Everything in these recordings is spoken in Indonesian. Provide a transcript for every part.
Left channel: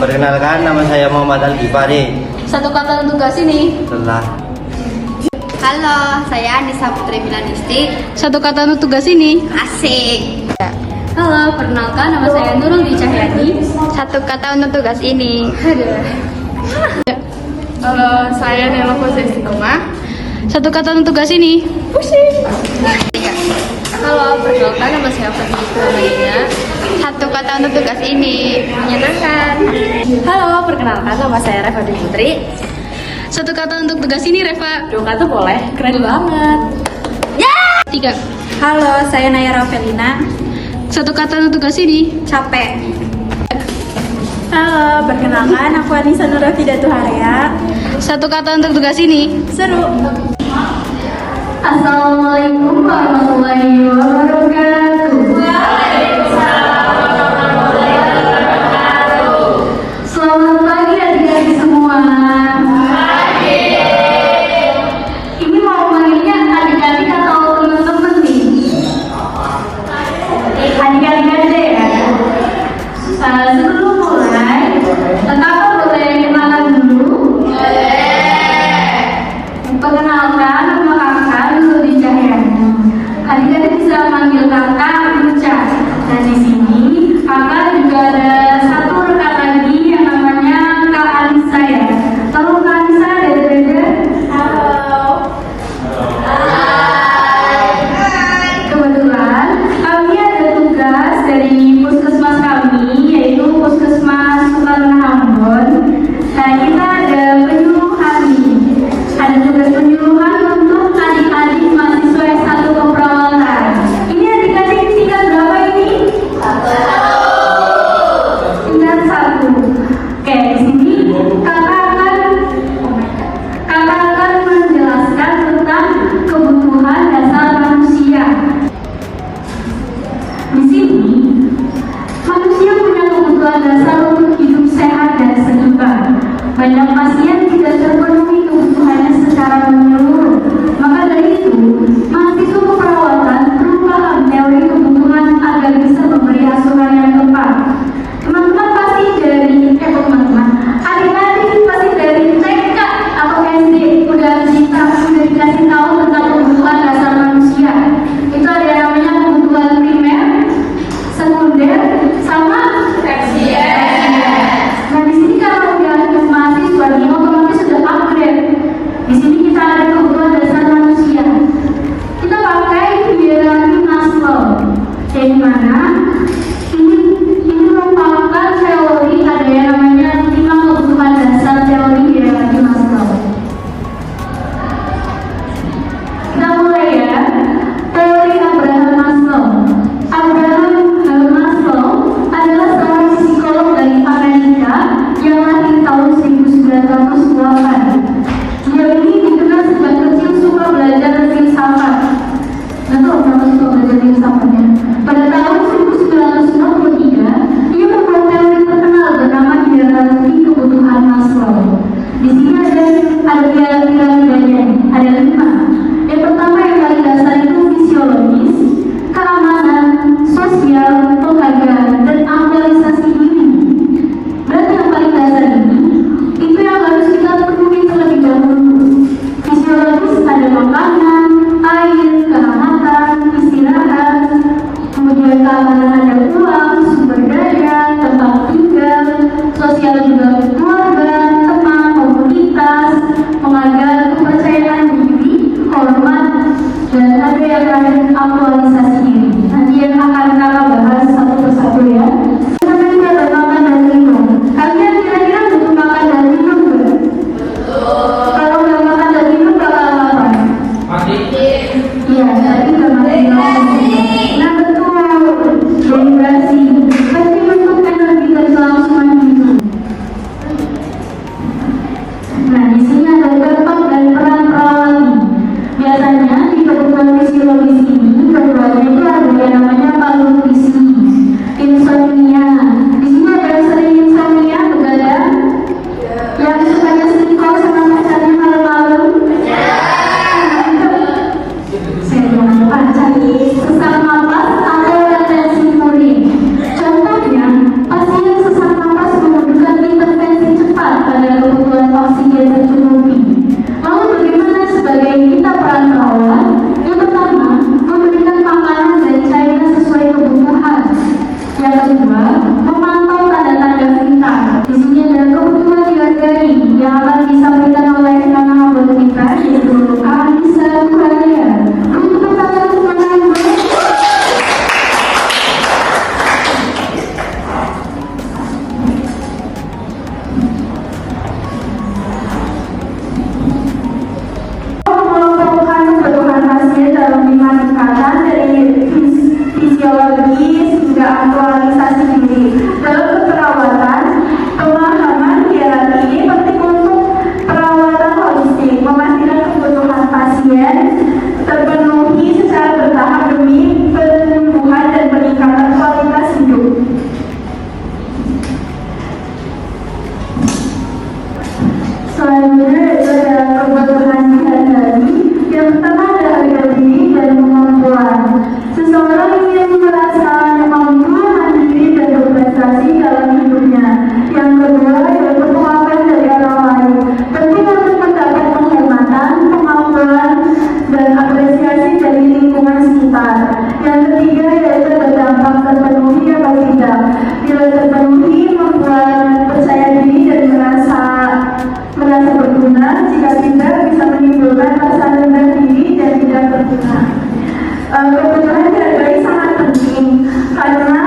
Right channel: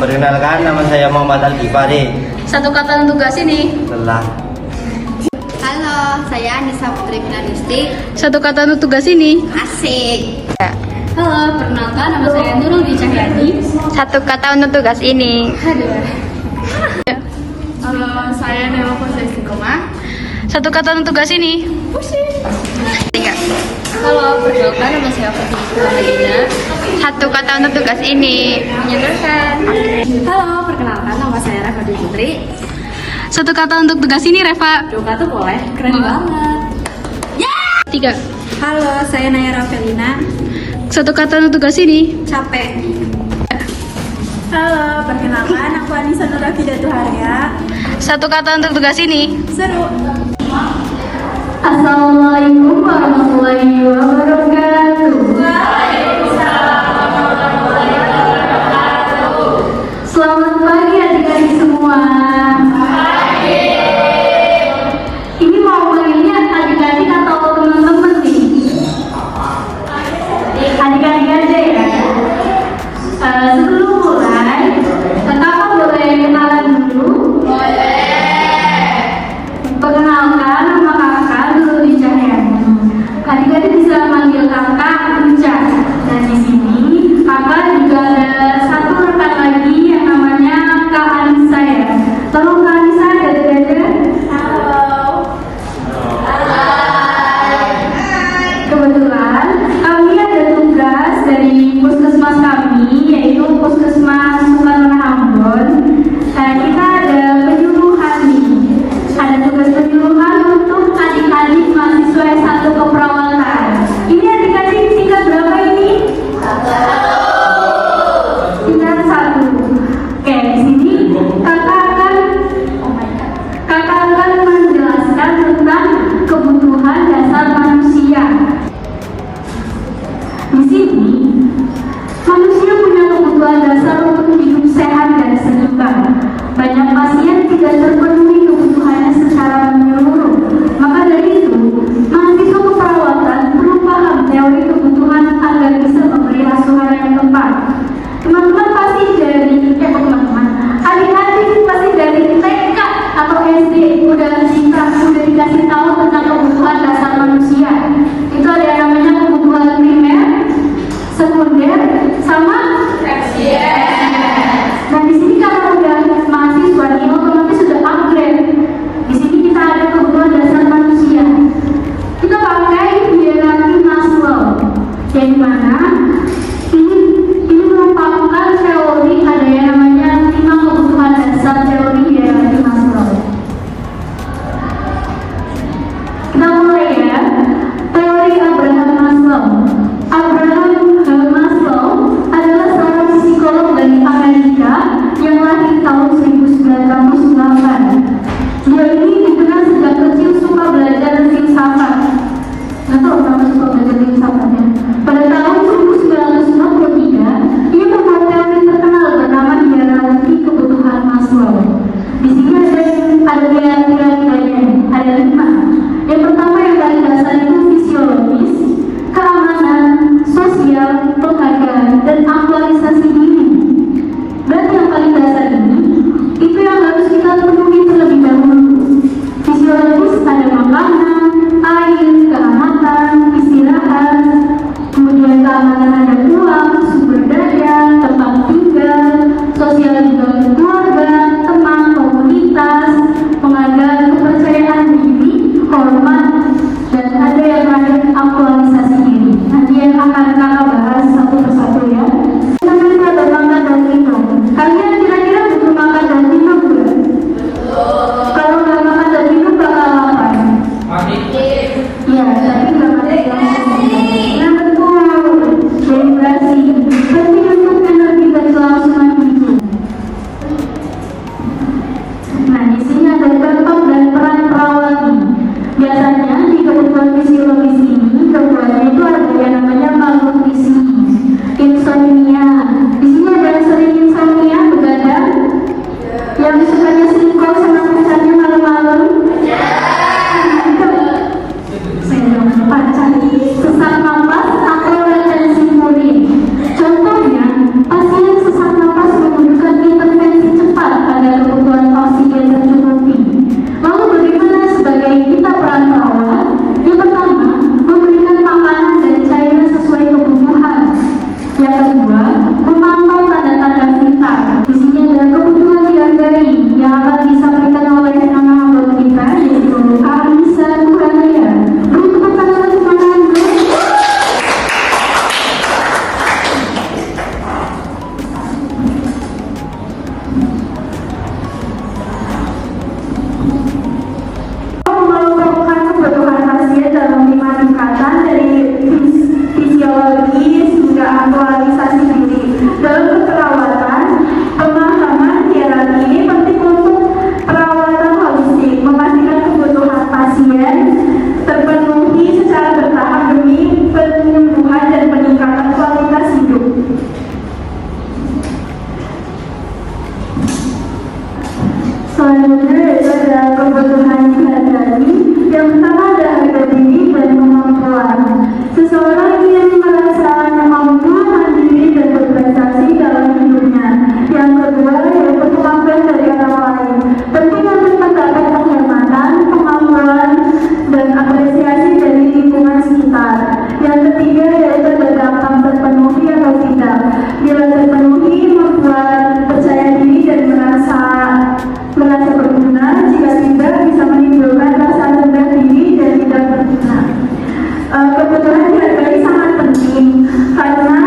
Perkenalkan, nama saya Muhammad Al-Ghifari. Satu kata untuk tugas ini. Telah. Halo, saya Anissa Putri Milanisti. Satu kata untuk tugas ini. Asik. Halo, perkenalkan nama saya Nurul Di Cahyani. Satu kata untuk tugas ini. Halo, saya Nela Fauziah Istiqomah. Satu kata untuk tugas ini. Halo, perkenalkan nama saya Fadli Madina. Satu kata untuk tugas ini. Menyenangkan. Halo, perkenalkan nama saya Reva Dwi Putri. Satu kata untuk tugas ini, Reva. Dua kata boleh. Keren banget. Tiga. Halo, saya Naya Rafelina. Satu kata untuk tugas ini. Capek. Halo, perkenalkan aku Anissa Nurafida Tuharia. Satu kata untuk tugas ini. Seru. Assalamualaikum warahmatullahi wabarakatuh. Selamat pagi adik-adik semua. Ini mau manggilnya adik-adik atau teman-teman nih? Adik-adik aja ya. Sebelum mulai, kenapa boleh kenalan dulu? Perkenalkan, nama kakak Nurul Di Cahyani. Adik-adik bisa manggil selanjutnya yaitu adalah kebutuhan sehari-hari. Yang pertama adalah harga diri dan kemampuan. Seseorang yang merasa mampu, mandiri, dan berprestasi dalam hidupnya. Yang kedua yaitu pengakuan dari orang lain. Penting untuk mendapat penghormatan, pengakuan, dan apresiasi dari lingkungan sekitar. Yang ketiga yaitu berdampak terpenuhi atau tidak. Bila terpenuhi membuat percaya diri dan merasa berguna. Jika tidak bisa menimbulkan rasa rendah diri dan tidak berguna. Kebutuhan sehari-hari sangat penting karena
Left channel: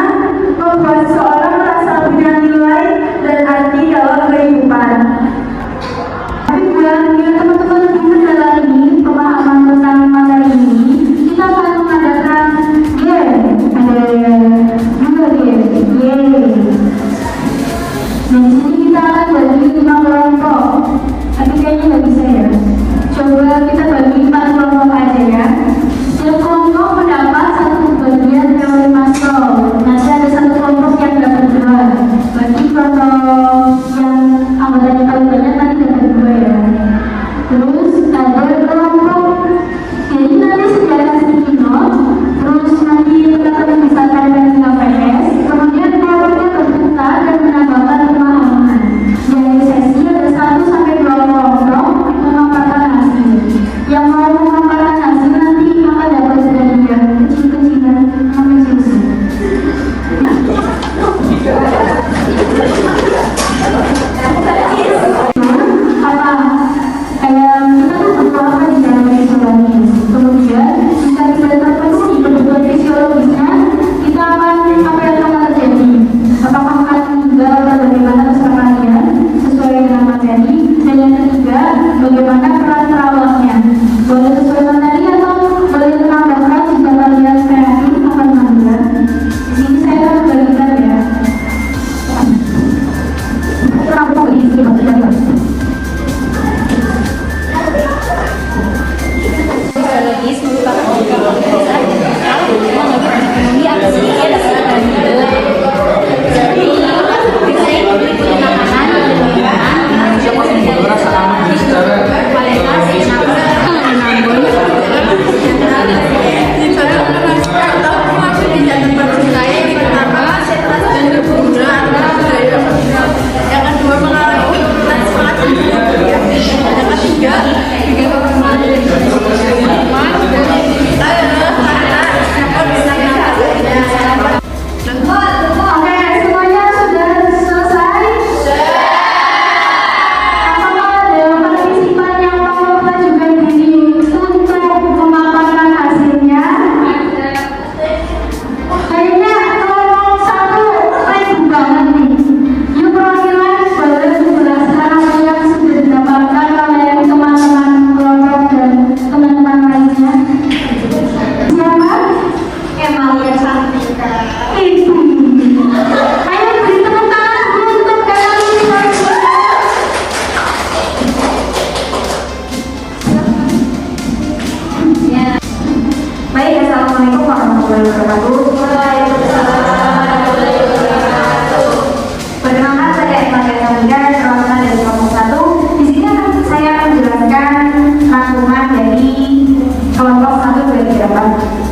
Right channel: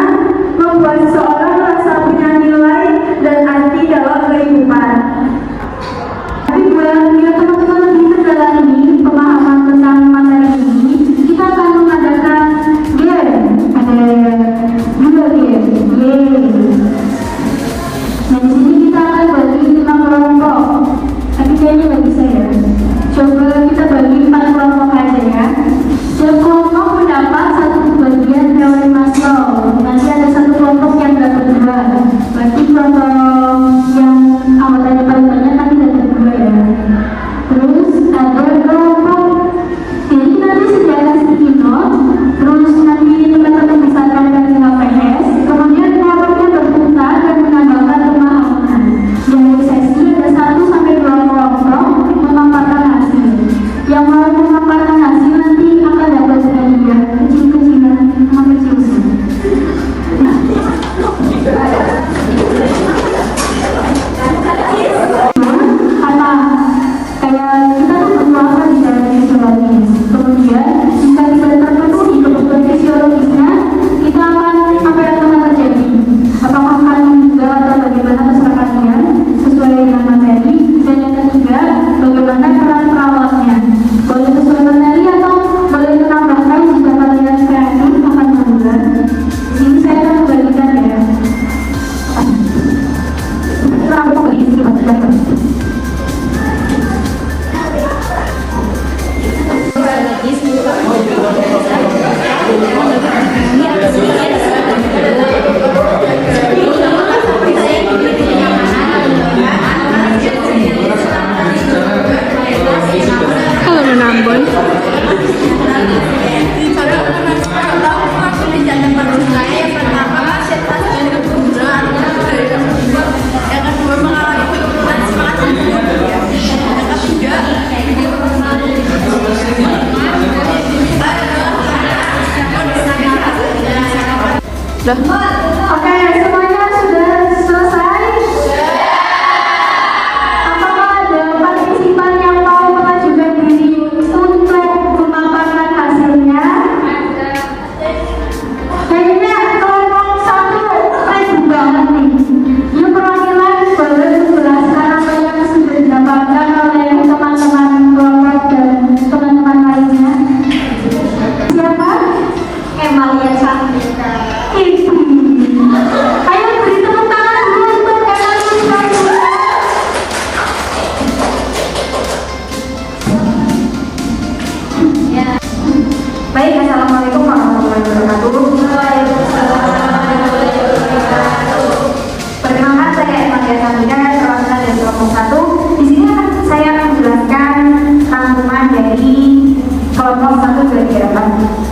membuat seseorang merasa punya nilai dan arti dalam kehidupan. Tapi bila teman-teman lebih mendalami pemahaman tentang materi ini, kita akan mengadakan game. Ada dua game. Nah, di sini kita akan bagi 5 kelompok. Tapi kayaknya nggak bisa ya. Coba kita bagi 4 kelompok aja ya. Setiap kelompok mendapat 1 bagian teori makro. Nanti ada 1 kelompok yang dapat 2. Berarti kelompok yang anggotanya paling banyak nanti dapat 2 ya. Terus ada kelompok ini nanti sediakan sticky note. Terus nanti teman-teman bisa tanya dengan PS. Kemudian kelompoknya terbuka dan menambahkan pemahaman. Dari sesi ada 1 sampai 2 kelompok memaparkan hasil. Yang mau memaparkan hasil nanti akan dapat hadiah kecil-kecilan sampai susu. Apa? Kayak kita tuh butuh apa di dalam fisiologis. Kemudian jika tidak terpenuhi kebutuhan fisiologisnya, kita akan apa yang akan terjadi? Apakah akan juga bagaimana terserah kalian sesuai dengan materi? Dan yang ketiga, bagaimana peran perawatnya? Boleh sesuai materi atau boleh menambahkan jika kalian kreatif akan membuat. Ini saya akan bagikan ya. Kelompok ini tidak Biologis merupakan beberapa dasar kalau memang lagi terpenuhi aktivitasnya dapat Halo Menambun. Yang kedua mengalami penurunan semangat hidup ya. Yang ketiga Oke, semuanya sudah selesai? Apakah ada partisipan yang mau mengajukan diri untuk memaparkan hasilnya? Kayaknya kelompok 1 ribut banget nih. Yuk perwakilan boleh menjelaskan apa yang sudah didapatkan oleh teman-teman kelompok dan teman-teman lainnya. Siapa? Emalia Santika. Itu. Ayo beri tepuk tangan untuk Emalia Santika. Ya. Baik, assalamualaikum warahmatullahi wabarakatuh. Perkenalkan, saya Emalia Santika, perwakilan dari kelompok 1. Di sini saya akan menjelaskan rangkuman dari kelompok 1 dari harapan.